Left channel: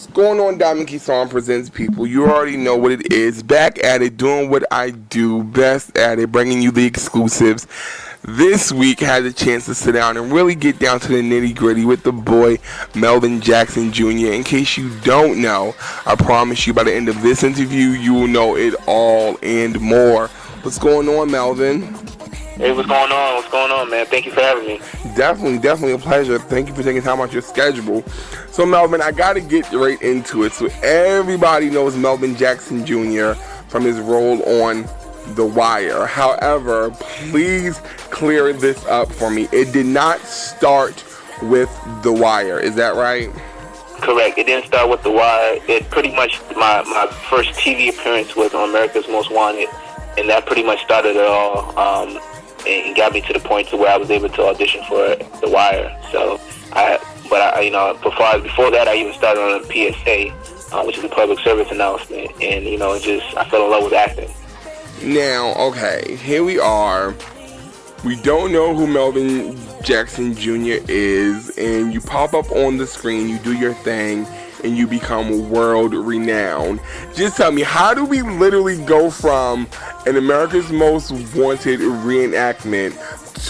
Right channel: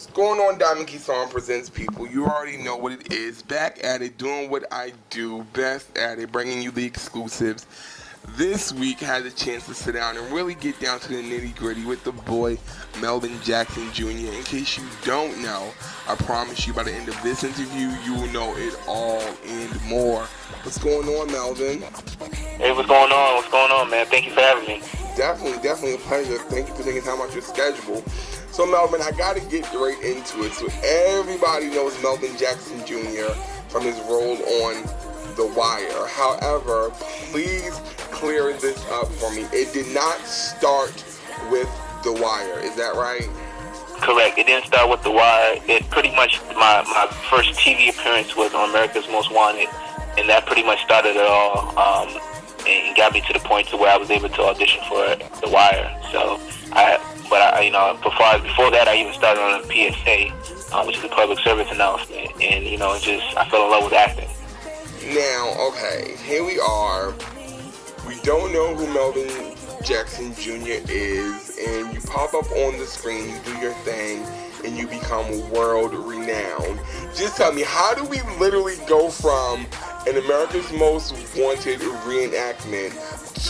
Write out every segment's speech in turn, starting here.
What's going on, Diamond Kesawn Presents, people? You already know what it is. Back at it, doing what I do best at it, bringing you the exclusives. This week, I had a chance to sit down and really get down to the nitty-gritty with the boy, Melvin Jackson Jr. In case you don't know, I promise you by the end of this interview, you will know it all and more. What's going on, Melvin? Hey, what's going on? What's going on, man? Thank you for having me. Definitely a pleasure. Thank you for taking time out your schedule. So, Melvin, I got to get right into it. So, everybody knows Melvin Jackson Jr. from his role on The Wire. However, please clear this up for me. It did not start with The Wire. Is that right? Correct. It didn't start with The Wire. It pretty much, my first TV appearance was on America's Most Wanted, and that pretty much started it all. And got me to the point to where I was able to audition for The Wire. So, before that, I even started on a PSA, which is a public service announcement, and I fell in love with acting. Now, okay, here we are. We don't know who Melvin Jackson Jr. is, and you pop up on the screen, you do your thing, and you become world renowned. Just tell me, how do we literally go from an America's Most Wanted reenactment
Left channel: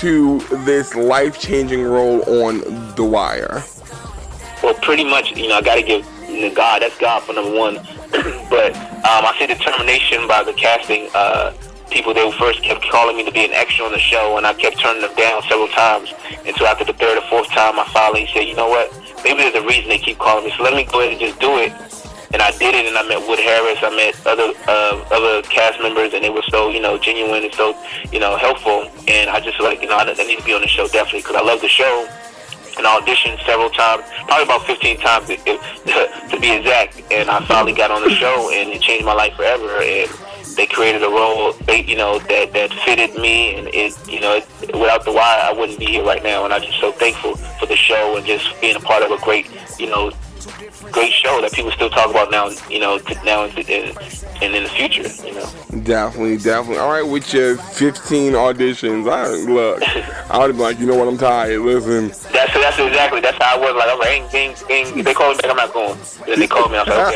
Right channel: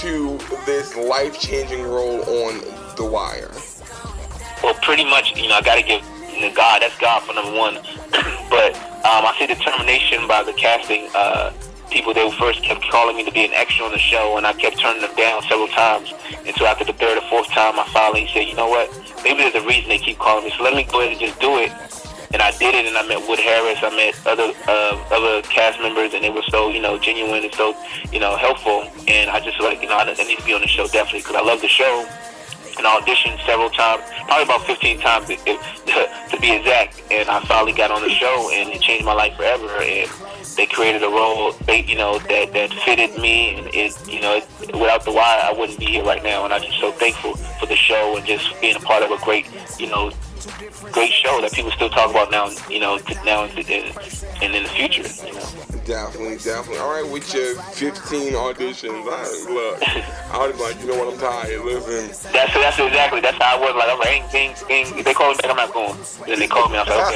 to this life-changing role on The Wire? Well, pretty much, I got to give God, that's God for number one. But I see determination by the casting people. They first kept calling me to be an extra on the show, and I kept turning them down several times. Until after the third or fourth time, I finally said, you know what? Maybe there's a reason they keep calling me, so let me go ahead and just do it. And I did it, and I met Wood Harris, I met other cast members, and they were so, genuine and so, helpful. And I just I need to be on the show definitely, because I love the show. And I auditioned several times, probably about 15 times to be exact. And I finally got on the show, and it changed my life forever. And they created a role, that fitted me, and without The Wire, I wouldn't be here right now. And I'm just so thankful for the show and just being a part of a great show that people still talk about now, now and in the future, Definitely. All right, with your 15 auditions, I would be like, you know what, I'm tired. Listen. That's exactly. That's how I was. Like, I was like, hey, they called me back, I'm not going. Then they called me, I was like,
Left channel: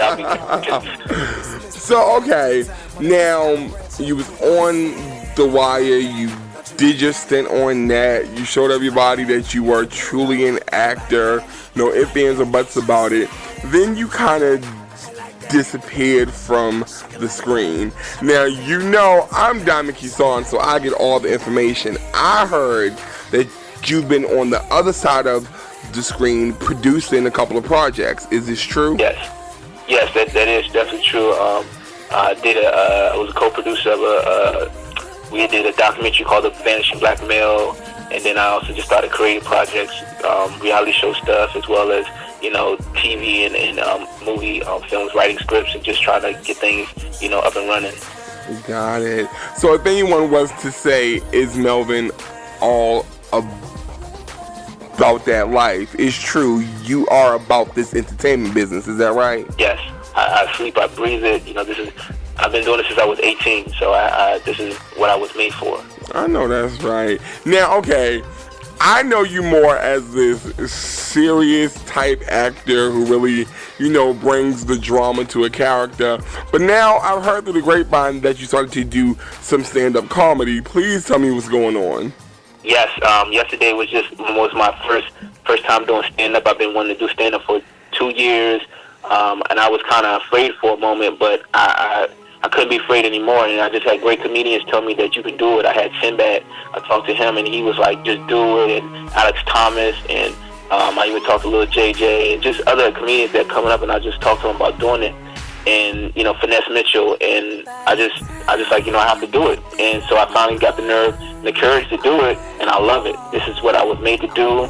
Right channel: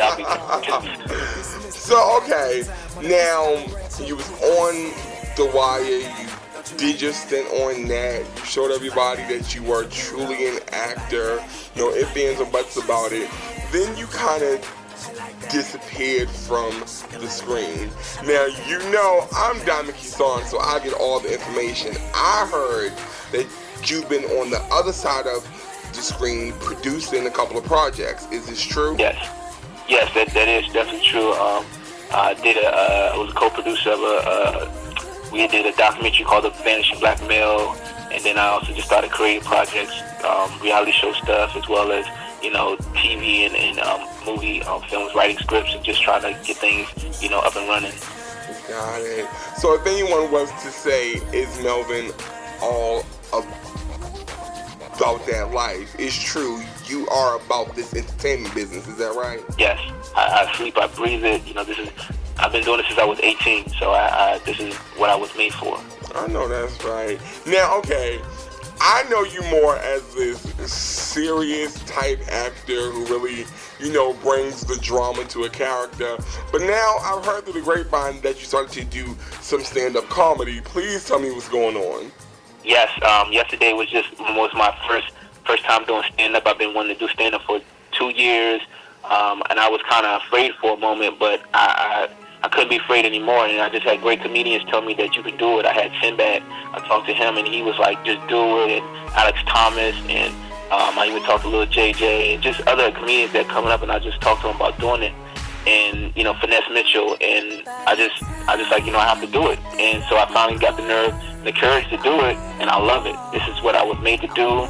okay, I'll be. So, okay, now you was on The Wire. You did your stint on that. You showed everybody that you were truly an actor. No ifs, ands, or buts about it. Then you kind of disappeared from the screen. Now, I'm Diamond Kesawn, so I get all the information. I heard that you've been on the other side of the screen producing a couple of projects. Is this true? Yes, that is definitely true. I was a co-producer of we did a documentary called The Vanishing Black Male, and then I also just started creating projects, reality show stuff, as well as TV and movie films, writing scripts, and just trying to get things up and running. Got it. So if anyone was to say, is Melvin all about that life, it's true. You are about this entertainment business. Is that right? Yes. I sleep, I breathe it. I've been doing this since I was 18, so this is what I was made for. I know that's right. Now, okay, I know you more as this serious type actor who really, brings the drama to a character. But now I've heard through the grapevine that you started to do some stand-up comedy. Please tell me what's going on. Yes, yesterday was my first time doing stand-up. I've been wanting to do stand-up for 2 years. And I was kind of afraid for a moment, but I couldn't be afraid anymore. And I just had great comedians tell me that you can do it. I had Sinbad. I talked to him, and he was like, just do it. And Alex Thomas, and I even talked to Lil JJ, and just other comedians that coming up, and I just talked to them about doing it. And, Finesse Mitchell, and I just like, I have to do it. And so I finally got the nerve and the courage to do it, and I love it. This is what I was made to do.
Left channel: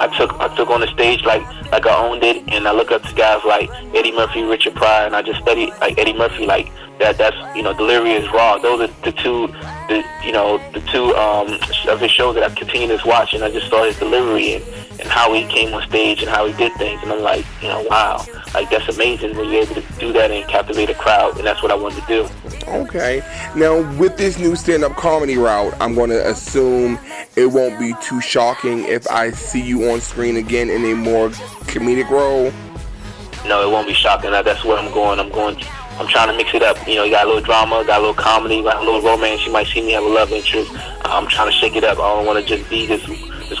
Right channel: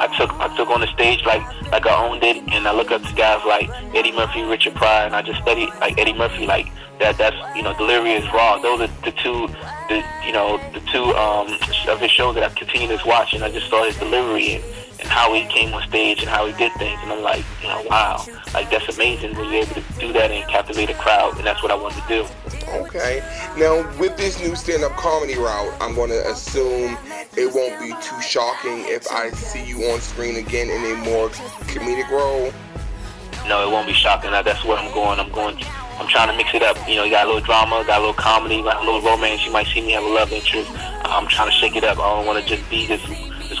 I took on the stage like I owned it, and I look up to guys like Eddie Murphy, Richard Pryor, and I just studied like Eddie Murphy, like that's Delirious, Raw. Those are the two of his shows that I continued to watch, and I just saw his delivery and how he came on stage and how he did things, and I'm like, wow, like that's amazing when you're able to do that and captivate a crowd, and that's what I wanted to do. Okay, now with this new stand-up comedy route, I'm going to assume it won't be too shocking if I see you on screen again in a more comedic role. no, it won't be shocking. That's where I'm going. I'm trying to mix it up. You know, you got a little drama, got a little comedy, got a little romance. You might see me have a love interest. I'm trying to shake it up. I don't want to just be this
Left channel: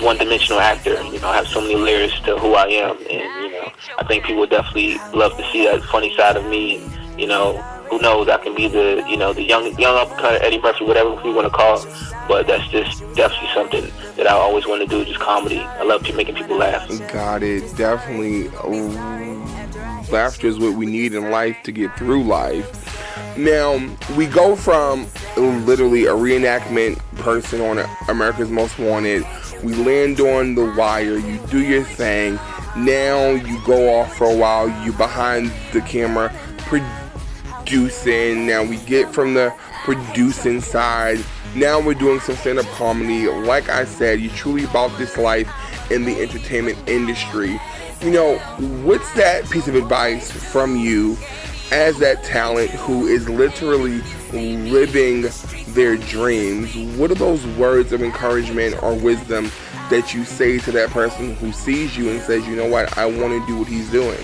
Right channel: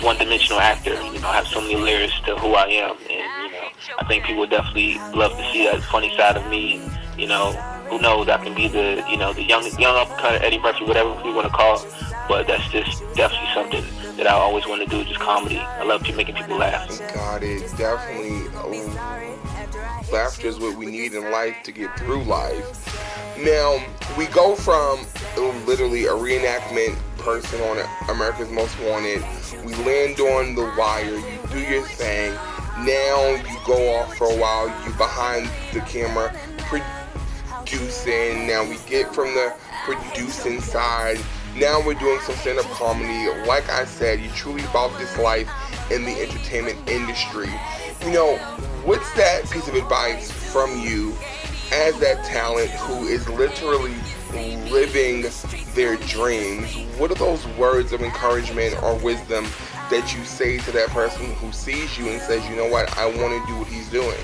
one-dimensional actor. You know, I have so many layers to who I am, and you know, I think people would definitely love to see that funny side of me. You know, who knows? I can be the young up-and-coming Eddie Murphy, whatever you want to call it. But that's just definitely something that I always want to do, just comedy. I love making people laugh. Got it. Definitely. Laughter is what we need in life to get through life. Now, we go from literally a reenactment person on America's Most Wanted. We land on The Wire. You do your thing. Now you go off for a while. You behind the camera producing. Now we get from the producing side. Now we're doing some stand-up comedy. Like I said, you're truly about this life in the entertainment industry. You know, what's that piece of advice from you as that talent who is literally living their dreams? What are those words of encouragement or wisdom that you say to that person who sees you and says, you know what, I want to do what he's doing?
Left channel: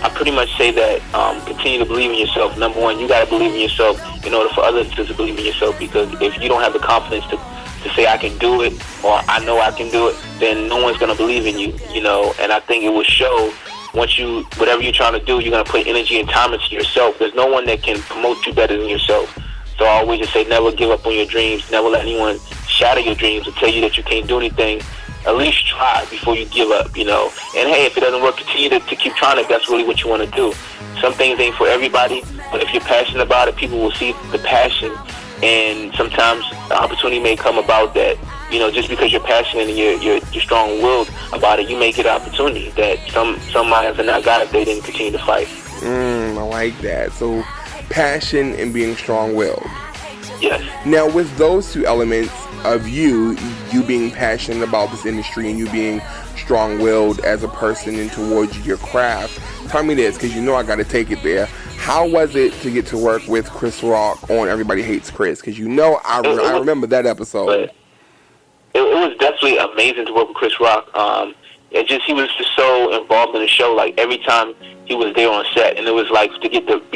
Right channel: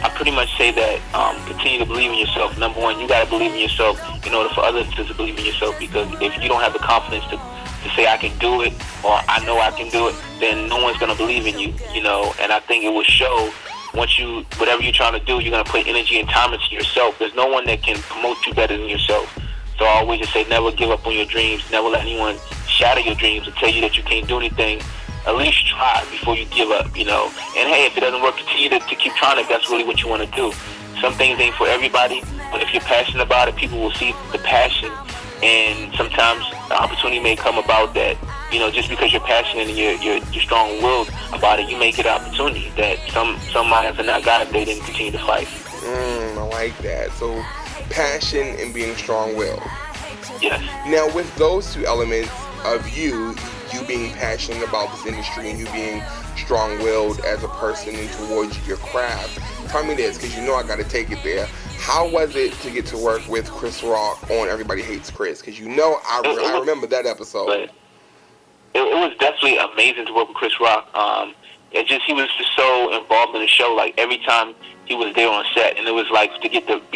I pretty much say that continue to believe in yourself. Number one, you got to believe in yourself in order for others to believe in yourself, because if you don't have the confidence to say I can do it or I know I can do it, then no one's going to believe in you, you know. And I think it will show once whatever you're trying to do, you're going to put energy and time into yourself. There's no one that can promote you better than yourself. So I always just say never give up on your dreams. Never let anyone shatter your dreams or tell you that you can't do anything. At least try before you give up, you know. And hey, if it doesn't work, continue to keep trying if that's really what you want to do. Some things ain't for everybody, but if you're passionate about it, people will see the passion. And sometimes the opportunity may come about that, you know, just because you're passionate and you're strong-willed about it, you may get an opportunity that some might have not got if they didn't continue to fight. I like that. So passion and being strong-willed. Yes. Now, with those two elements of you being passionate about this industry and you being strong-willed as a person and towards your craft, tell me this, because you know I got to take it there. How was it to get to work with Chris Rock on Everybody Hates Chris? Because you know I remember that episode. It was definitely amazing to work with Chris Rock. He was just so involved in the show. Like every time he was there on set, and it was like to get get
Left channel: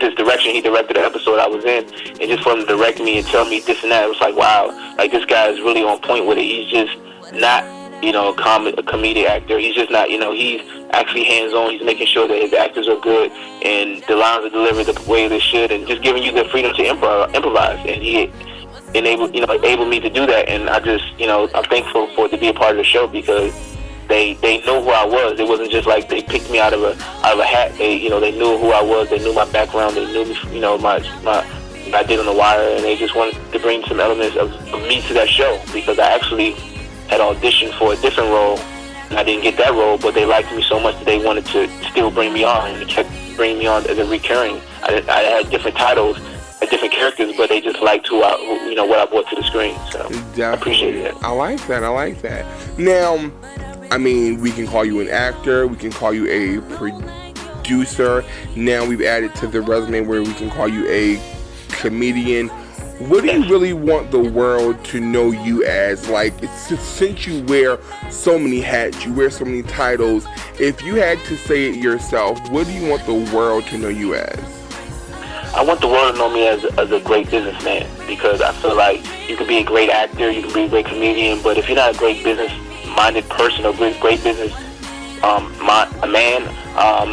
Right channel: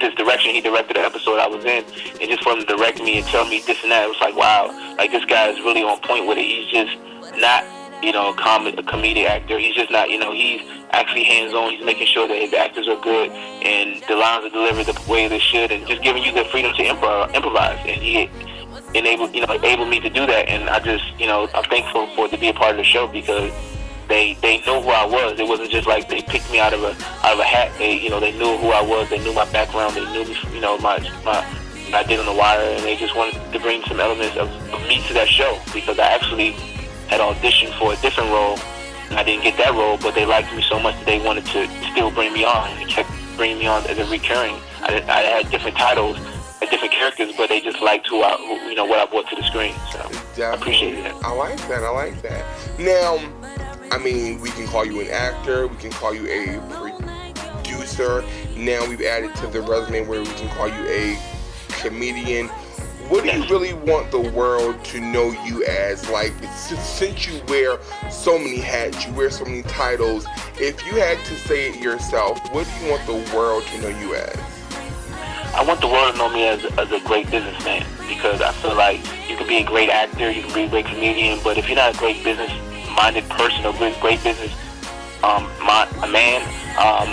this direction. He directed the episode I was in, and just for him to direct me and tell me this and that, it was like, wow, like this guy is really on point with it. He's just not, you know, a comedic actor. He's just not, you know, he's actually hands-on. He's making sure that his actors are good and the lines are delivered the way they should, and just giving you the freedom to improvise. And he enabled me to do that. And I just, you know, I'm thankful for it to be a part of the show, because they know who I was. It wasn't just like they picked me out of a hat. They knew who I was. They knew my background. They knew me, you know, my I did on The Wire, and they just wanted to bring some elements of me to that show, because I actually had auditioned for a different role. I didn't get that role, but they liked me so much that they wanted to still bring me on, and they kept bringing me on as a recurring. I had different titles, different characters, but they just liked what I brought to the screen. So Definitely. I appreciate that. I like that. Now, I mean, we can call you an actor, we can call you a producer. Now we've added to the resume where we can call you a comedian. What do you really want the world to know you as? Like, since you wear so many hats, you wear so many titles, if you had to say it yourself, what do you want the world to know you as? I want the world to know me as a great businessman, because I feel like you can be a great actor, you can be a great comedian, but if you're not a great business-minded person or great business man,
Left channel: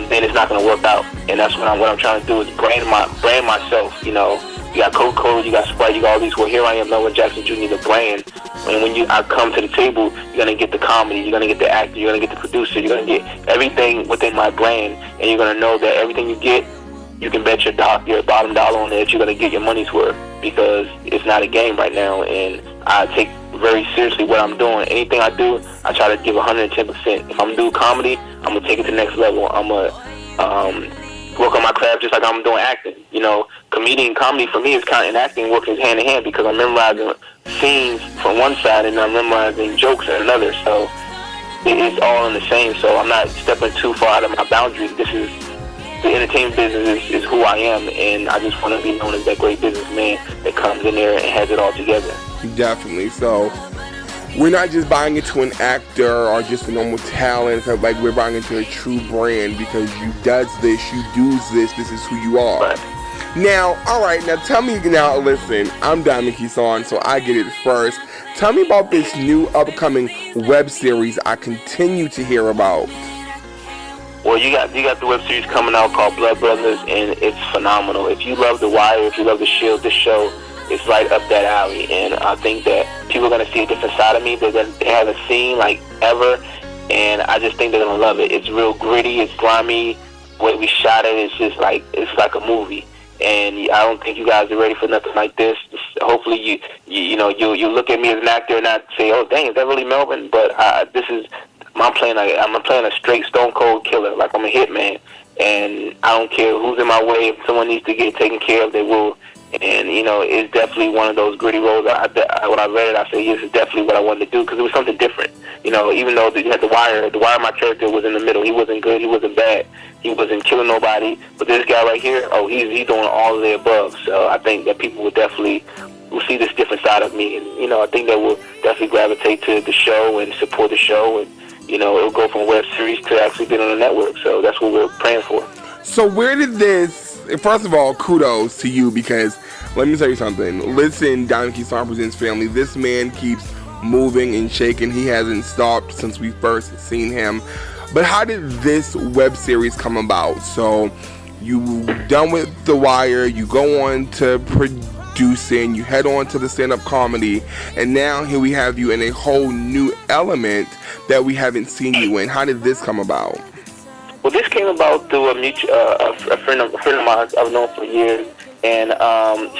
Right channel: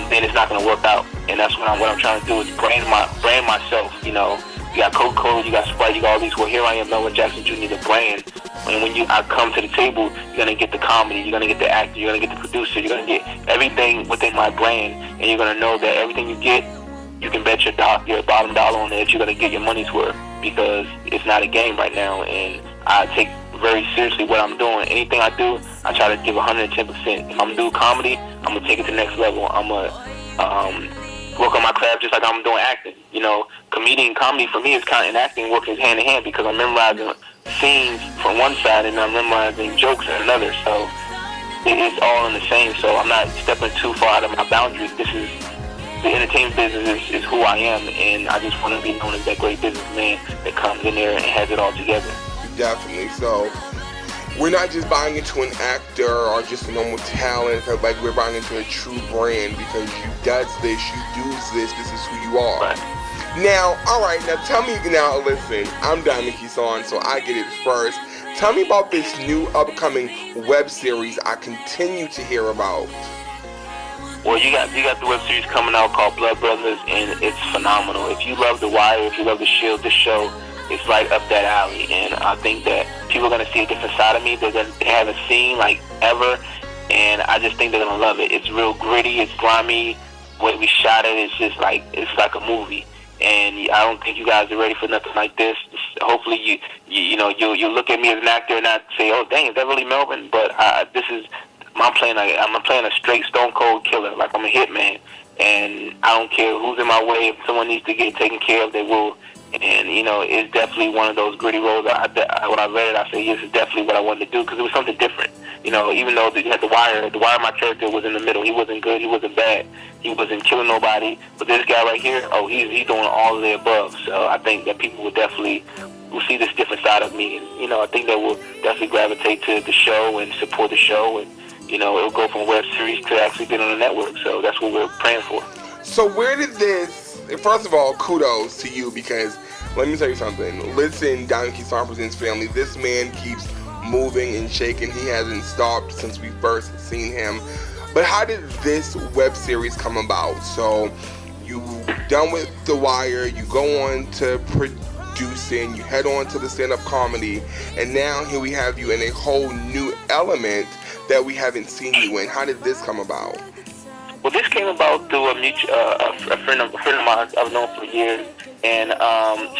then it's not going to work out. And that's what I'm trying to do, is brand myself. You know, you got Coca-Cola, you got Sprite, you got all these. Well, here I am, Melvin Jackson Jr., the brand. And when I come to the table, you're going to get the comedy, you're going to get the actor, you're going to get the producer, you're going to get everything within my brand, and you're going to know that everything you get, you can bet your bottom dollar on it that you're going to get your money's worth, because it's not a game right now, and I take very seriously what I'm doing. Anything I do, I try to give 110%. If I'm doing comedy, I'm going to take it to the next level. I'm going to work on my craft just like I'm doing acting. You know, comedy for me is kind of, and acting working hand in hand, because I'm memorizing scenes from one side and I'm memorizing jokes in another. So it's all in the same. So I'm not stepping too far out of my boundaries. The entertainment business is who I am, and I just want to be known as that great businessman that comes in there and has it all together. Definitely. So we're not just buying into an actor or just a normal talent. Like, we're buying into a true brand because you does this, you does this, this is who you are. Right. Now, alright, now tell me, now listen, I'm Diamond Kesawn, so I get it first. Tell me about this new upcoming web series I continue to hear about. Well, you got the web series coming out called Blood Brothers, and it's phenomenal. If you love The Wire, if you love The Shield, this show is right up that alley. And I think that people are going to see a different side of me that they haven't seen, like, ever. And I just think they're going to love it. It's real gritty. It's grimy. The way we shot it, it's just like, it's like a movie. And I don't think you guys are ready for nothing like this. Hopefully you'll look at me as an actor and not say, oh, dang, is that really Melvin? But I'm playing a straight stone cold killer. Like, I'm a hitman. And I don't care who's in my way. If someone needs to get taken care of, they will. And, it's definitely one of those gritty roles. When I read it, I said, yes, it's definitely what I wanted to do, because it was something different. Even though you had The Wire, my character was in the middle. He wasn't good. He wasn't bad. He wasn't killing nobody. But this guy right here, he's doing all of the above. So I think that people will see this different side of me. And, I think that will definitely gravitate to the show and support the show. And, it'll go from web series to actually being on the network. So that's what we're praying for. So where did this... First of all, kudos to you, because let me tell you something. Listen, Diamond Kesawn Presents family, this man keeps moving and shaking. He hasn't stopped since we first seen him. But how did this web series come about? So you done with The Wire, you go on to producing, you head on to the stand-up comedy, and now here we have you in a whole new element that we haven't seen you in. How did this come about? Well, this came about through a friend of mine I've known for years, and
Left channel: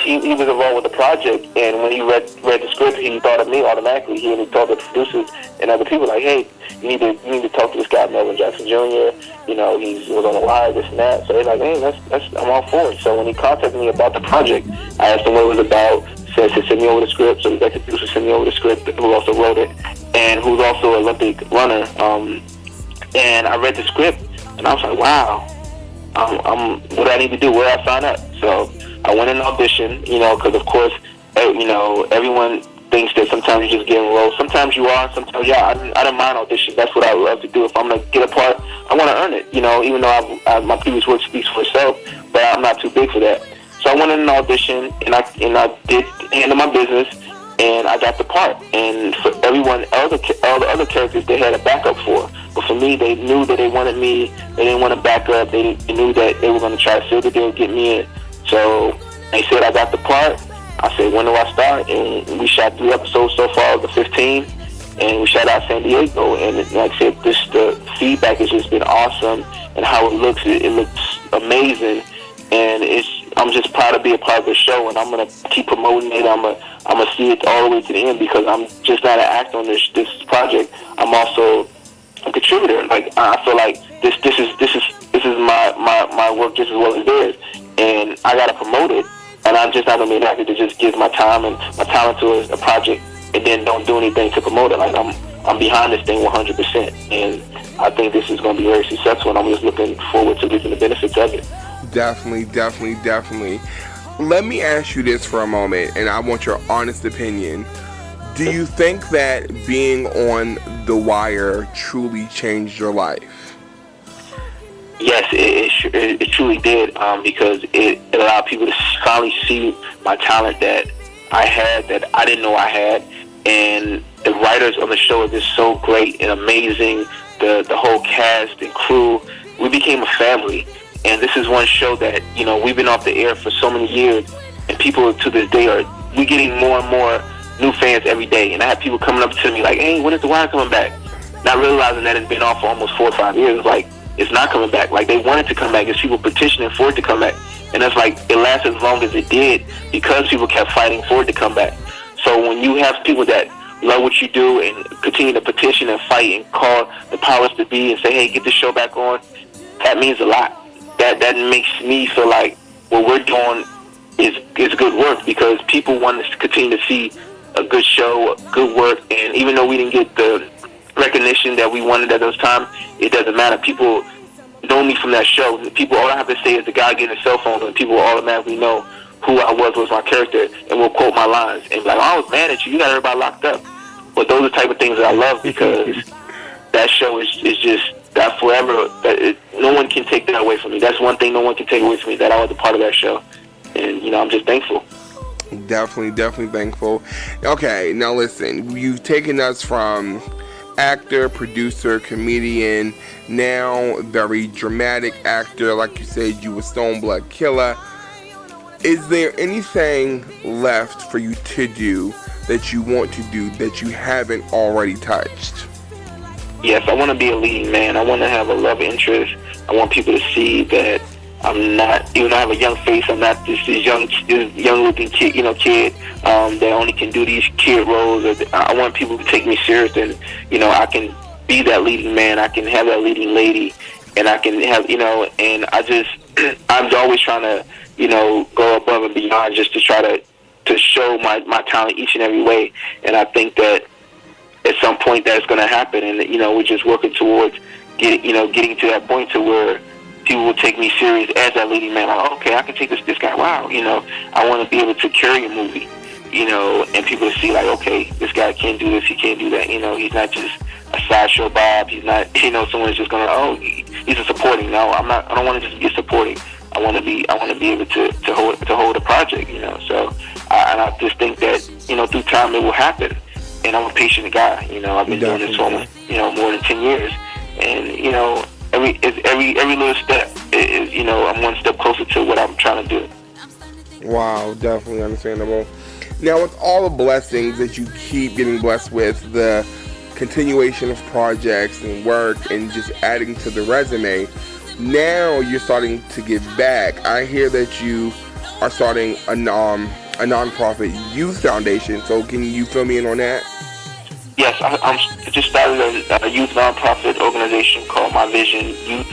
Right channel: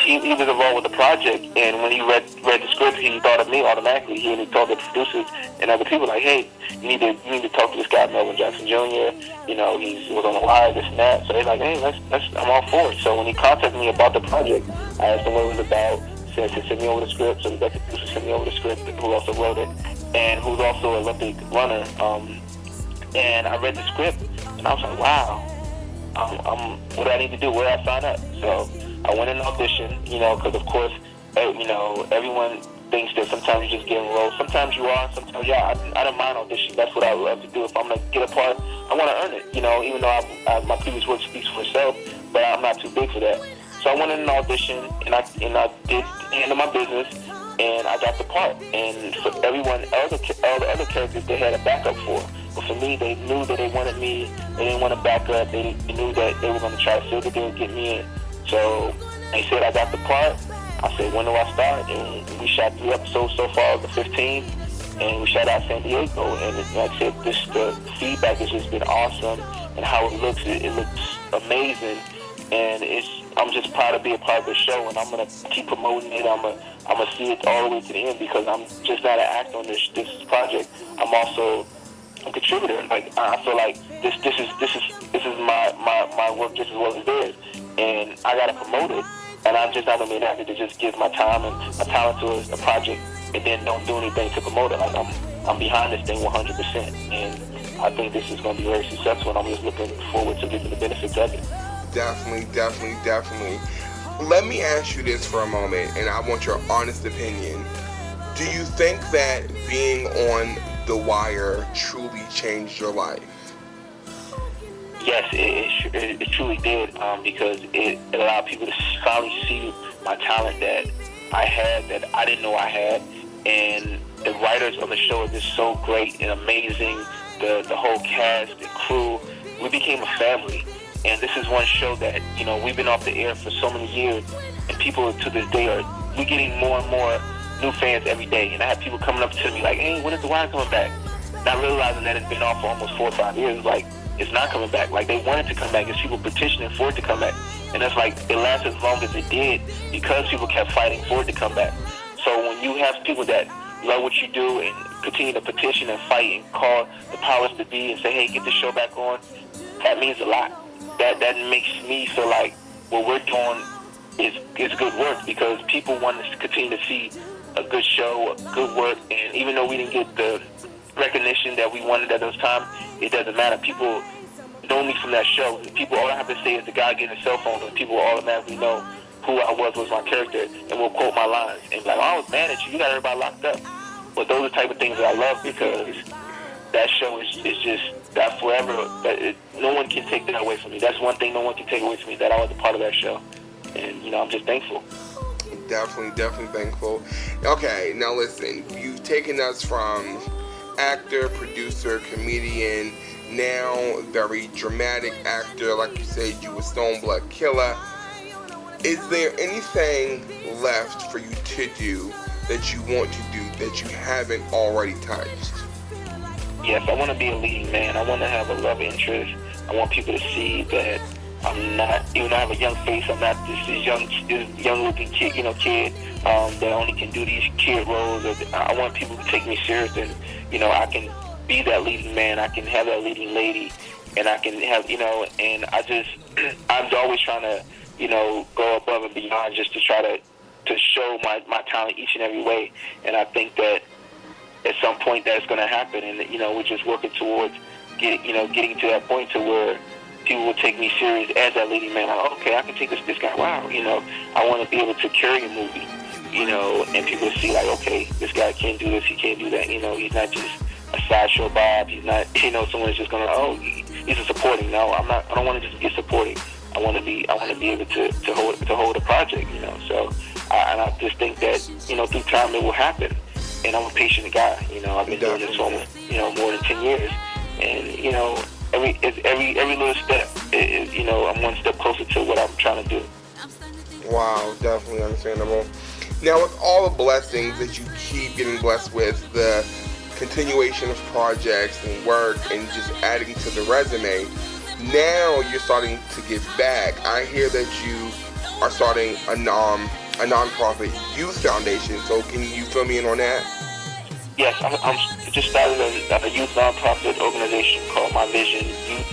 he was involved with the project. And when he read the script, he thought of me automatically. He told the producers and other people, like, hey, you need to talk to this guy, Melvin Jackson Jr. He was on The Wire, this and that. So they're like, hey, I'm all for it. So when he contacted me about the project, I asked him what it was about. Said to send me over the script. So the producer sent me over the script, who also wrote it, and who's also an Olympic runner. And I read the script. And I was like, wow, what do I need to do? Where do I sign up? So I went and auditioned, because, of course, everyone thinks that sometimes you just get enrolled. Sometimes you are, sometimes you are. I don't mind audition. That's what I love to do. If I'm going to get a part, I want to earn it, even though my previous work speaks for itself, but I'm not too big for that. So I went in and auditioned, and I did handle my business, and I got the part. And for everyone, all the other characters, they had a backup for. But for me, they knew that they wanted me. They didn't want to back up. They knew that they were going to try to seal the deal and get me in. So they said I got the part. I said, when do I start? And we shot 3 episodes so far of the 15. And we shot out San Diego. And like I said, the feedback has just been awesome. And how it looks amazing. And I'm just proud to be a part of the show. And I'm going to keep promoting it. I'm gonna see it all the way to the end, because I'm just not an actor on this project. I'm also a contributor. Like, I feel like this is my work just as well as theirs, and I gotta promote it. And I'm just not gonna be an actor that just gives my time and my talent to a project and then don't do anything to promote it. Like, I'm behind this thing 100%, and I think this is gonna be very successful. And I'm just looking forward to reaping the benefits of it. Definitely. Let me ask you this for a moment, and I want your honest opinion. Do you think that being on The Wire truly changed your life? Yes, it truly did, because it allowed people to finally see my talent that I had, that I didn't know I had. And the writers on the show are just so great and amazing. The whole cast and crew, we became a family. And this is one show that, we've been off the air for so many years, and people to this day we're getting more and more new fans every day. And I have people coming up to me like, hey, when is The Wire coming back? Not realizing that it's been off for almost 4 or 5 years. Like, it's not coming back. Like, they wanted to come back. There's people petitioning for it to come back. And it's like, it lasted as long as it did because people kept fighting for it to come back. So when you have people that love what you do and continue to petition and fight and call the powers to be and say, hey, get the show back on, that means a lot. That makes me feel like what we're doing is good work, because people want to continue to see a good show, good work. And even though we didn't get the recognition that we wanted at those times, it doesn't matter. People know me from that show. People, all I have to say is the guy getting a cell phone, and people will automatically know who I was my character, and will quote my lines and be like, oh, I was mad at you. You got everybody locked up. But those are the type of things that I love, because that show is just that forever. No one can take that away from me. That's one thing no one can take away from me, that I was a part of that show. And, I'm just thankful. Definitely thankful. Okay, now listen, you've taken us from actor, producer, comedian, now very dramatic actor. Like you said, you were Stone Blood Killer. Is there anything left for you to do that you want to do that you haven't already touched? Yes, I want to be a leading man. I want to have a love interest. I want people to see that I'm not, even though I have a young face, I'm not this young looking kid, that only can do these kid roles. I want people to take me serious, and, I can be that leading man. I can have that leading lady, and I can have, and I'm always trying to, go above and beyond, just to try to show my talent each and every way. And I think that at some point that's going to happen, and, we're just working towards getting to that point to where people will take me serious as that leading man. Like, okay, I can take this guy. Wow, I want to be able to carry a movie, and people will see, like, okay, this guy can do this, he can't do that. He's not just a sideshow Bob. He's not, someone's just gonna, he's a supporting. No, I'm not. I don't want to just be supporting. I want to be able to hold a project. So I just think that through time it will happen. And I'm a patient guy. I've been doing this for more than 10 years, and every little step is, I'm one step closer to what I'm trying to do. Wow, definitely understandable. Now, with all the blessings that you keep getting blessed with, the continuation of projects and work and just adding to the resume, now you're starting to give back. I hear that you are starting a nonprofit youth foundation. So can you fill me in on that? Yes, I just started a youth nonprofit organization called My Vision Youth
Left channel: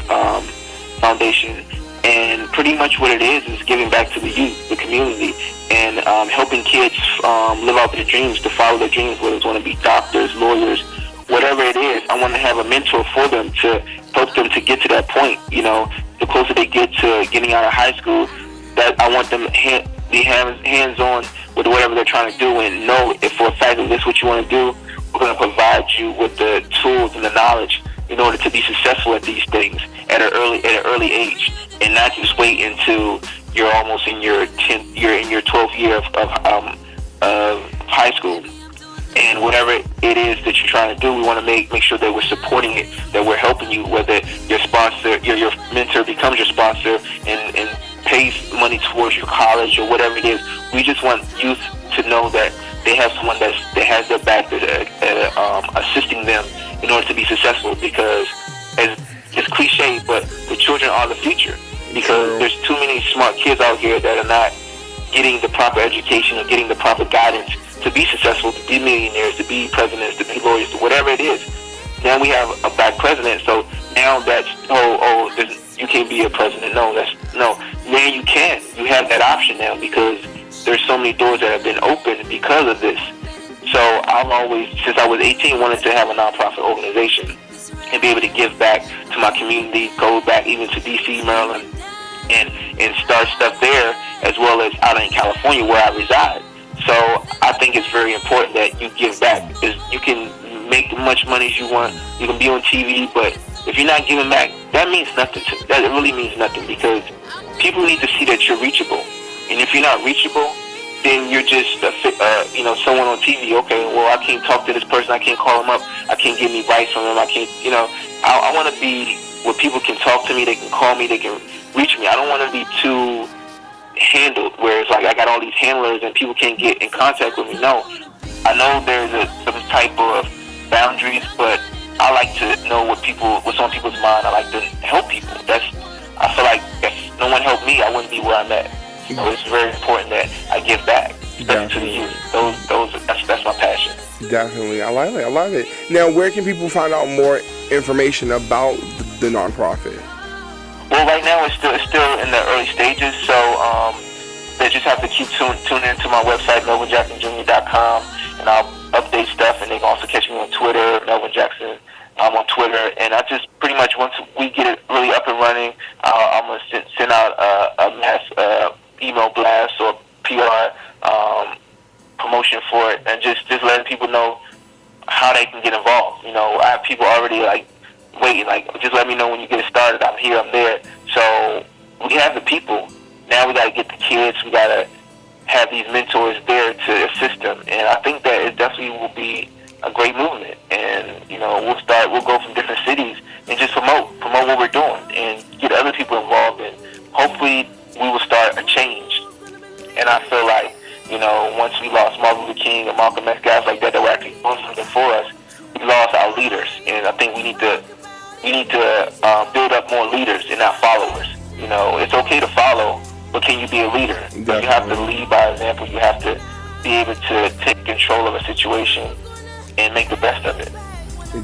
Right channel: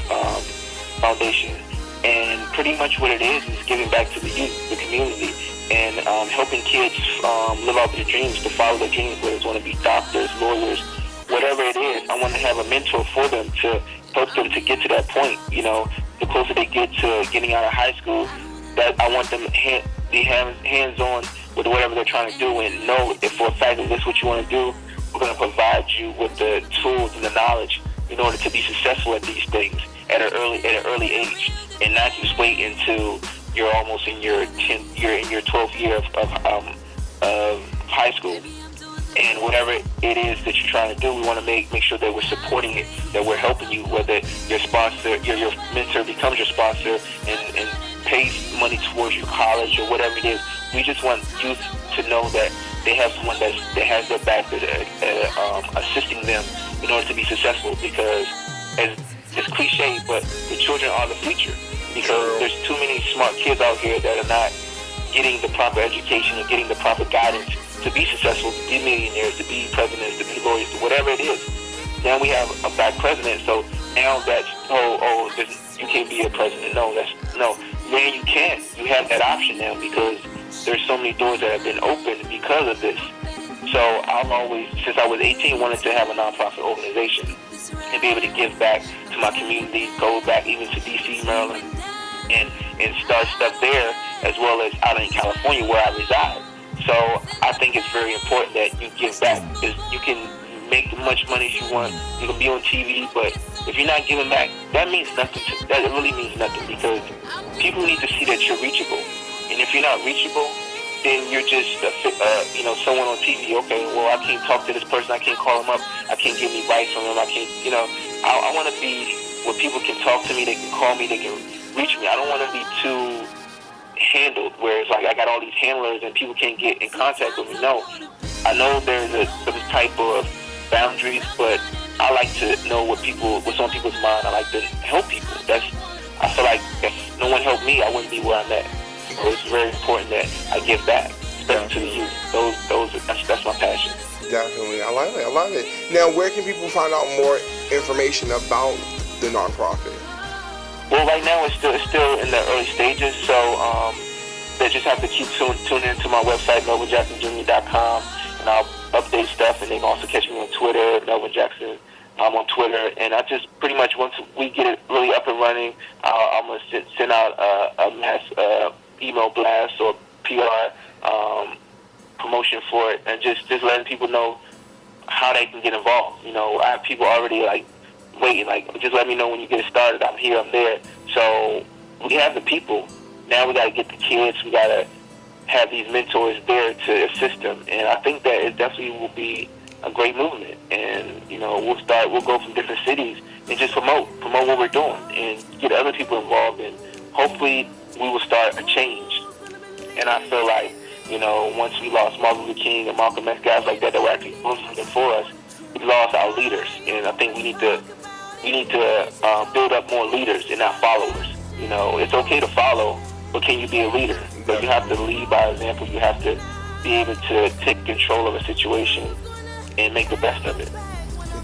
Foundation, and pretty much what it is giving back to the youth, the community, and helping kids live out their dreams, to follow their dreams, whether it's want to be doctors, lawyers, whatever it is. I want to have a mentor for them to help them to get to that point. The closer they get to getting out of high school, that I want them to be hands-on with whatever they're trying to do, and know if for a fact that this is what you want to do, we're going to provide you with the tools and the knowledge in order to be successful at these things at an early age, and not just wait until you're almost in your 12th year of high school. And whatever it is that you're trying to do, we want to make sure that we're supporting it, that we're helping you, whether your sponsor, your mentor becomes your sponsor and pays money towards your college or whatever it is. We just want youth to know that they have someone that has their back, assisting them in order to be successful, because it's cliche, but the children are the future, because there's too many smart kids out here that are not getting the proper education or getting the proper guidance to be successful, to be millionaires, to be presidents, to be lawyers, to whatever it is. Now we have a black president, so now that's, you can't be a president. No, now you can. You have that option now, because there's so many doors that have been opened because of this. So I've always, since I was 18, wanted to have a nonprofit organization and be able to give back to my community, go back even to D.C., Maryland, and start stuff there, as well as out in California where I reside. So I think it's very important that you give back. You can make as much money as you want. You can be on TV, but if you're not giving back, that means nothing to me. That really means nothing, because people need to see that you're reachable. And if you're not reachable, then you're just someone on TV. Okay, well, I can't talk to this person. I can't call them up. I can't get any advice from them. I can't, I want to be where people can talk to me. They can call me. They can reach me. I don't want to be too handled, where it's like I got all these handlers and people can't get in contact with me. No, I know there's some type of boundaries, but I like to know what's on people's mind. I like to help people. I feel like if no one helped me, I wouldn't be where I'm at. So it's very important that I give back, especially to the youth. That's my passion. Definitely, I love it. Now, where can people find out more information about the nonprofit? Well, right now it's still in the early stages, so they just have to keep tuning into my website, melvinjacksonjr.com, and I'll update stuff. And they can also catch me on Twitter, Melvin Jackson. I'm on Twitter, and I just pretty much, once we get it really up and running, I'm going to send out a mass email blast or PR promotion for it, and just letting people know how they can get involved. You know, I have people already like waiting, like, just let me know when you get it started. I'm here, I'm there. So we have the people. Now we got to get the kids. We got to have these mentors there to assist them. And I think that it definitely will be a great movement. And, you know, we'll go from different cities and just promote what we're doing and get other people involved. And hopefully we will start a change. And I feel like, you know, once we lost Martin Luther King and Malcolm X, guys like that were actually doing something for us, we lost our leaders. And I think we need to build up more leaders and not followers. You know, it's okay to follow, but can you be a leader? But you have to lead by example. You have to be able to take control of a situation and make the best of it.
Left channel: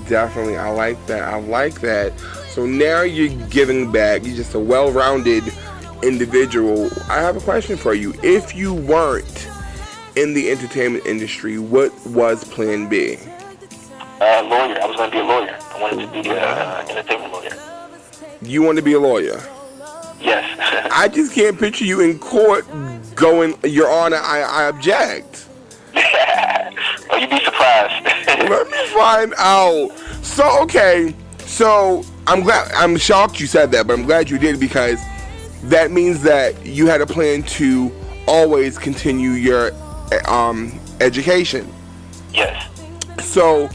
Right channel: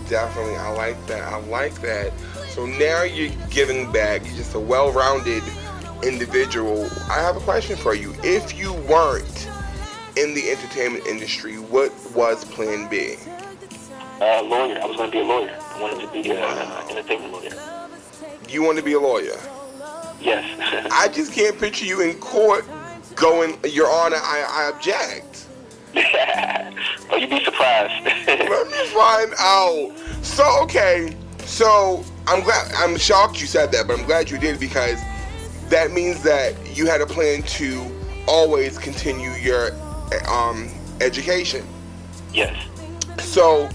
Definitely, I like that. So now you're giving back. You're just a well-rounded individual. I have a question for you. If you weren't in the entertainment industry, what was Plan B? Lawyer. I was going to be a lawyer. I wanted to be an entertainment lawyer. You want to be a lawyer? Yes. I just can't picture you in court going, Your Honor, I object. Oh, you'd be surprised. Let me find out. So I'm shocked you said that, but I'm glad you did, because that means that you had a plan to always continue your education. Yes. So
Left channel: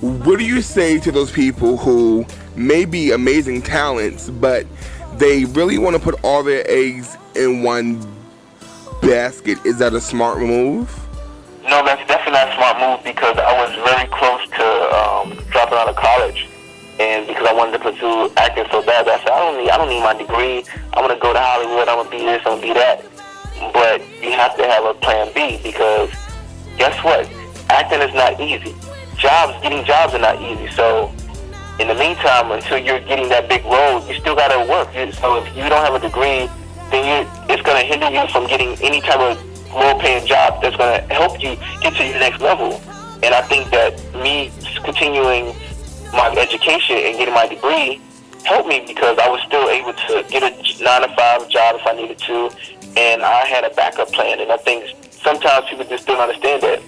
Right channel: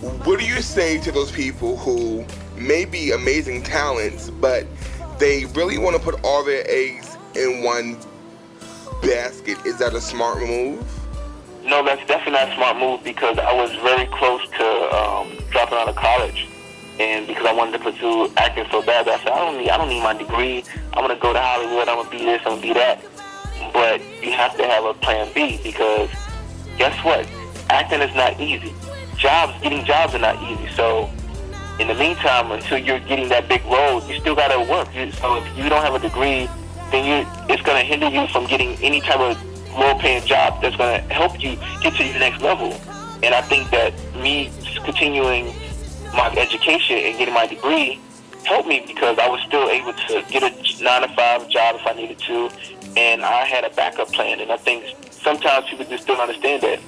what do you say to those people who may be amazing talents, but they really want to put all their eggs in one basket? Is that a smart move? No, that's definitely not a smart move, because I was very close to dropping out of college, and because I wanted to pursue acting so bad, I said, I don't need my degree. I'm gonna go to Hollywood. I'm gonna be this. I'm gonna be that. But you have to have a plan B, because guess what? Acting is not easy. Getting jobs are not easy. So in the meantime, until you're getting that big role, you still gotta work. So if you don't have a degree, then it's gonna hinder you from getting any type of low-paying job that's going to help you get to your next level. And I think that me continuing my education and getting my degree helped me, because I was still able to get a 9-to-5 job if I needed to, and I had a backup plan. And I think sometimes people just don't understand that.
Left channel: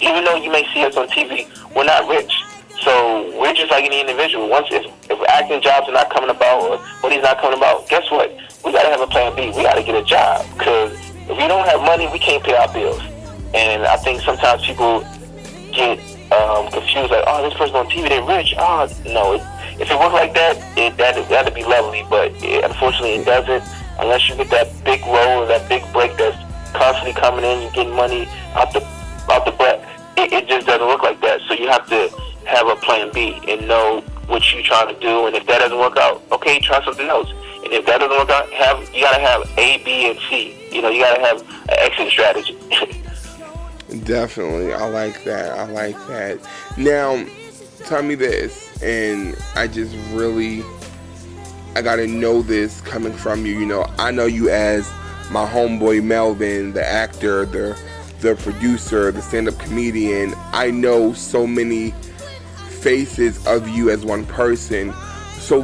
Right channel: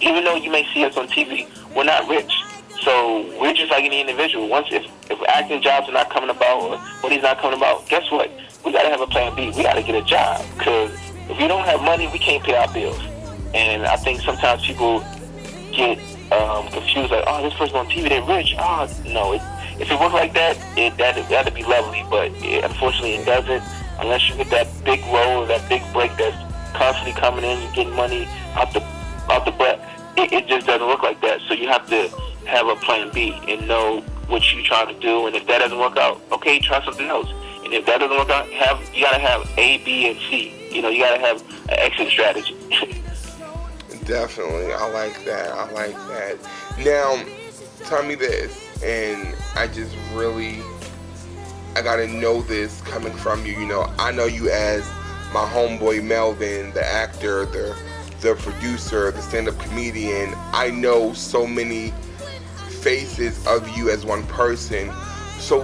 Even though you may see us on TV, we're not rich. So we're just like any individual. Once if acting jobs are not coming about, or money's not coming about, guess what? We got to have a plan B. We got to get a job, because if we don't have money, we can't pay our bills. And I think sometimes people get confused, like, oh, this person on TV, they're rich. Oh, no. If it worked like that, that'd be lovely. But unfortunately, it doesn't, unless you get that big role, that big break that's constantly coming in, you're getting money out the butt. It just doesn't work like that. So you have to have a plan B and know what you're trying to do. And if that doesn't work out, okay, try something else. And if that doesn't work out, you gotta have A, B, and C. You know, you gotta have an exit strategy. Definitely, I like that. Now, tell me this, and I gotta know this coming from you. You know, I know you as my homeboy Melvin, the actor, the producer, the stand-up comedian. I know so many faces of you as one person. So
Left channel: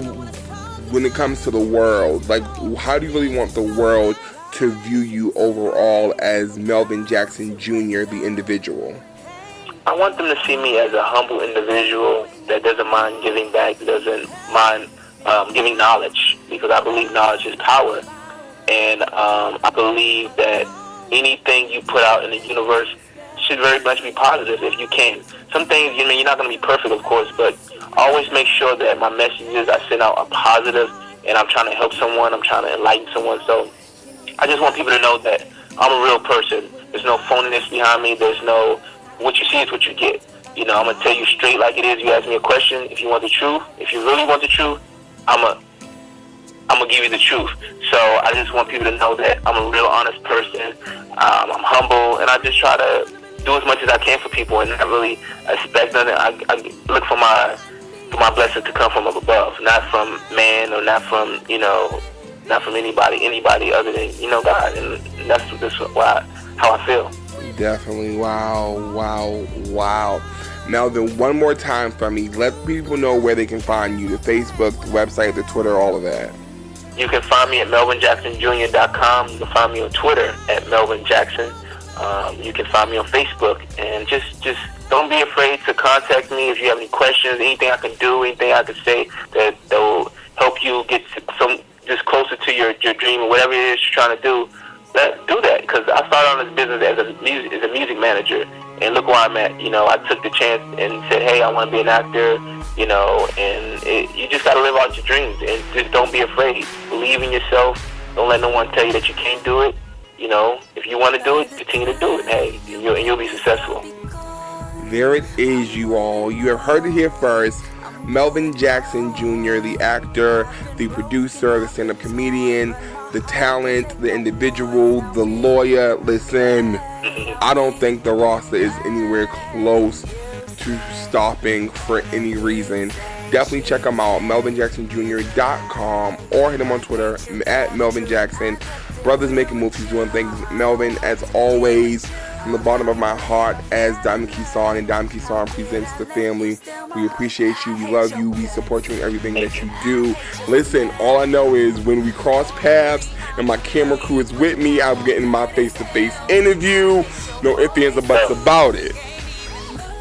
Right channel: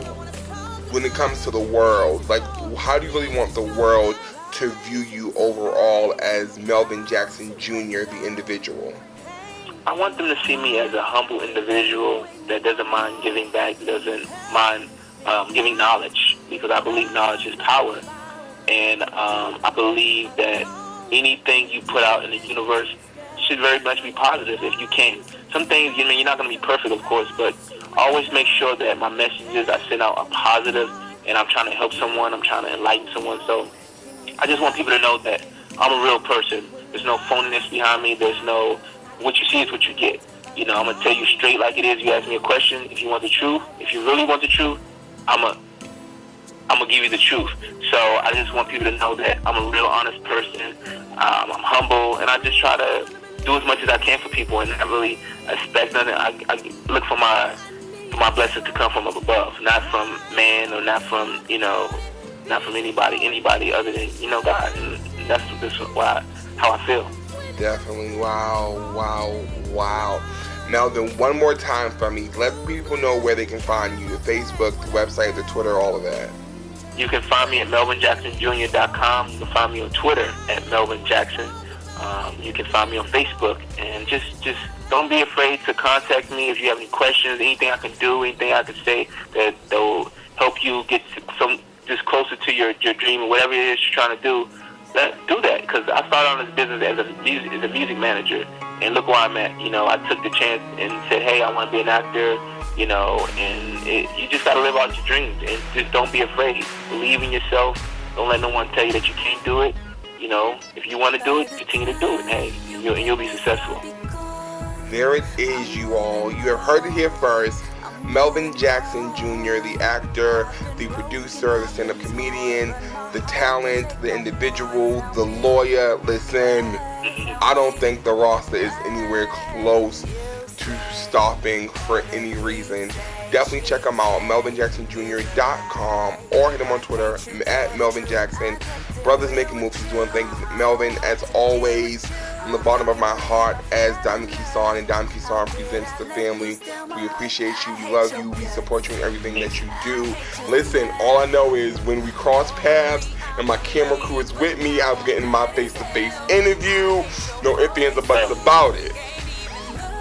when it comes to the world, like, how do you really want the world to view you overall as Melvin Jackson Jr., the individual? I want them to see me as a humble individual that doesn't mind giving back, doesn't mind giving knowledge, because I believe knowledge is power. And I believe that anything you put out in the universe should very much be positive if you can. Some things, you're not going to be perfect, of course, but always make sure that my messages I send out are positive, and I'm trying to help someone, I'm trying to enlighten someone. So I just want people to know that I'm a real person. There's no phoniness behind me. There's no, what you see is what you get. You know, I'm going to tell you straight like it is. You ask me a question, if you want the truth, if you really want the truth, I'm going to give you the truth. So I just want people to know that I'm a real honest person. I'm humble, and I just try to do as much as I can for people and not really expect nothing. I look for my blessings to come from up above, not from man, or not from, not from anybody other than, God. And that's how I feel. Definitely. Wow. Melvin, one more time for me. Let people know where they can find you, the Facebook, the website, the Twitter, all of that. You can find me at MelvinJacksonJr.com. You can find me on Twitter at Melvin Jackson. You can find me on Facebook, and just don't be afraid to contact me if you have any questions, anything I can do, anything I can say that will help you get just closer to your dream or whatever it is you're trying to do. Do that, because I started on this business as a music manager, and look where I'm at. I took the chance and said, hey, I want to be an actor. And you just got to live out your dreams, and just don't be afraid. Believe in yourself. Don't let no one tell you that you can't do it. If you want to do it, continue to do it. Hey, you'll be successful. There it is, you all. You have heard it here first. Melvin Jackson Jr., the actor, the producer, the stand-up comedian, the talent, the individual, the lawyer. Listen, I don't think the roster is anywhere close to stopping for any reason. Definitely check him out, melvinjacksonjr.com, or hit him on Twitter at Melvin Jackson. Brothers making moves, he's doing things. Melvin, as always, from the bottom of my heart, as Diamond Kesawn and Diamond Kesawn Presents the family, we appreciate you, we love you, we support you in everything that you do. Listen, all I know is when we cross paths and my camera crew is with me, I'm getting my face-to-face interview. No ifs, ands, or buts about it.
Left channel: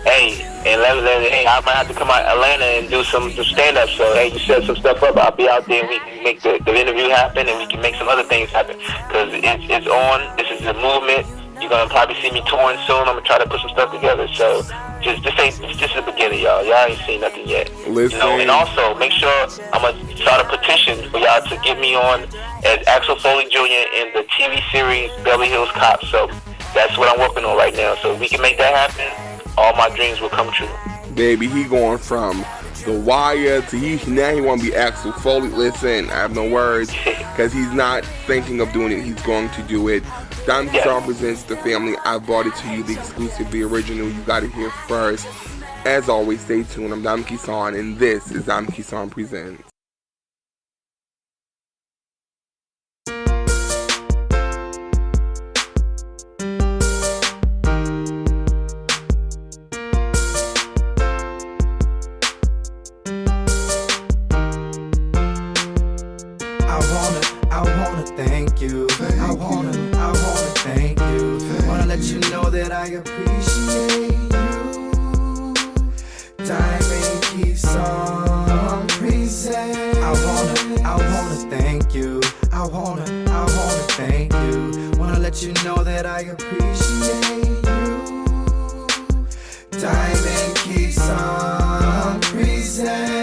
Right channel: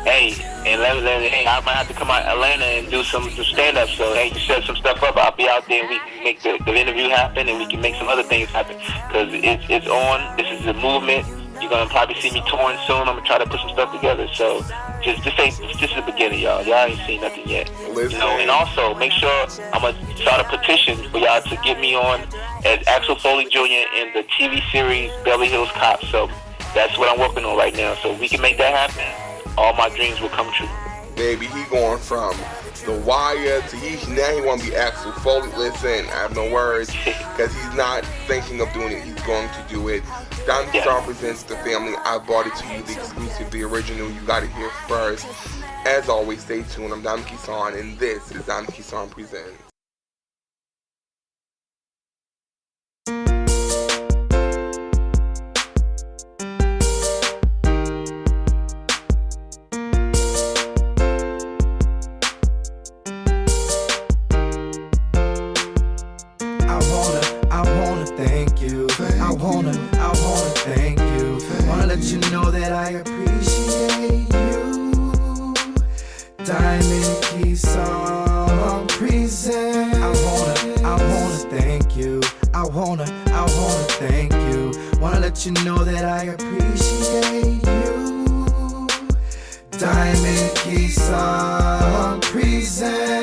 Hey, and hey, I might have to come out to Atlanta and do some stand-up. So, hey, you set some stuff up, I'll be out there and we can make the interview happen, and we can make some other things happen. Because it's on. This is a movement. You're going to probably see me touring soon. I'm going to try to put some stuff together. So, just the beginning, y'all. Y'all ain't seen nothing yet. Listen. And also, make sure I'm going to start a petition for y'all to get me on as Axel Foley Jr. in the TV series Beverly Hills Cop. So, that's what I'm working on right now. So, if we can make that happen, all my dreams will come true. Baby, he going from The Wire to now he want to be Axel Foley. Listen, I have no words, because he's not thinking of doing it. He's going to do it. Diamond Kesawn Presents the family. I brought it to you, the exclusive, the original. You got it here first. As always, stay tuned. I'm Diamond Kesawn, and this is Diamond Kesawn Presents. Thank you. I wanna thank you. Wanna let you know that I appreciate you. Diamond Kesawn Presents. I wanna thank you. I wanna thank you. Wanna let you know that I appreciate you. Diamond Kesawn Presents.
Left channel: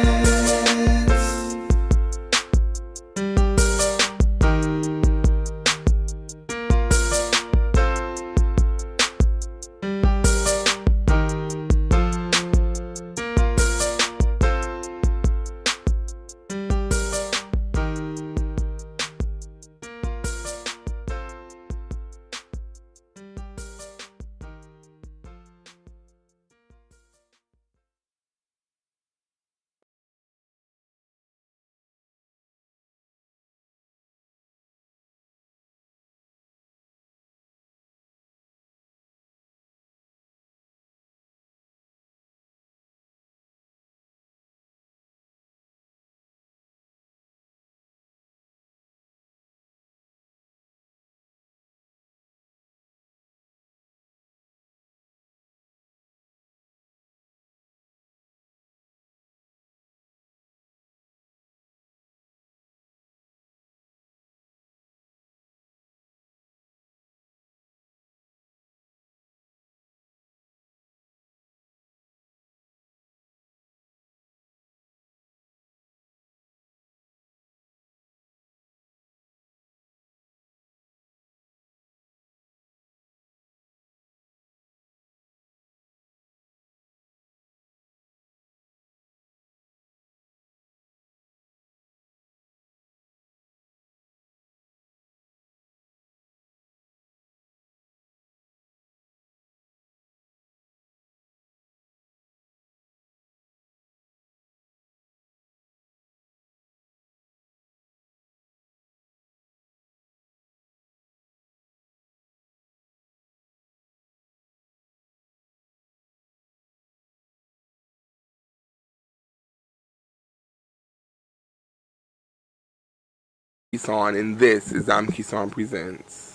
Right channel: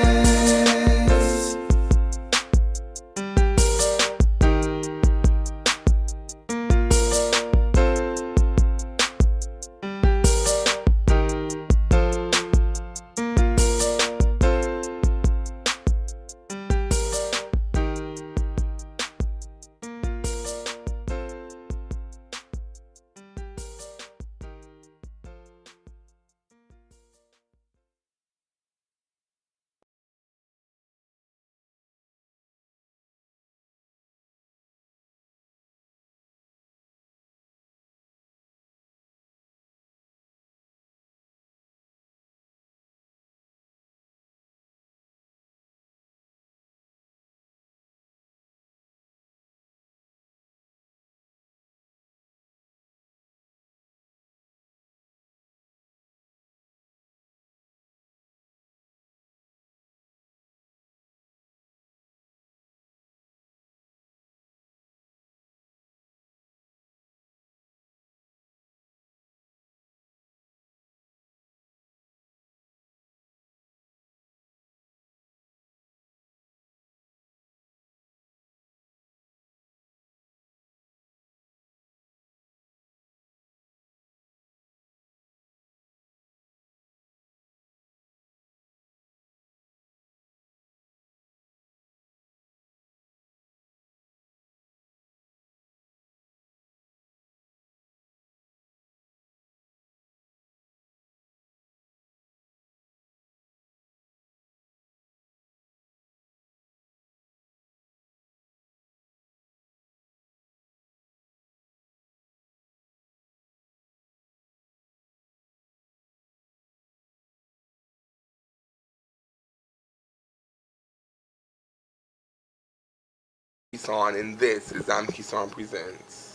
Kesawn, and this is Diamond Kesawn Presents.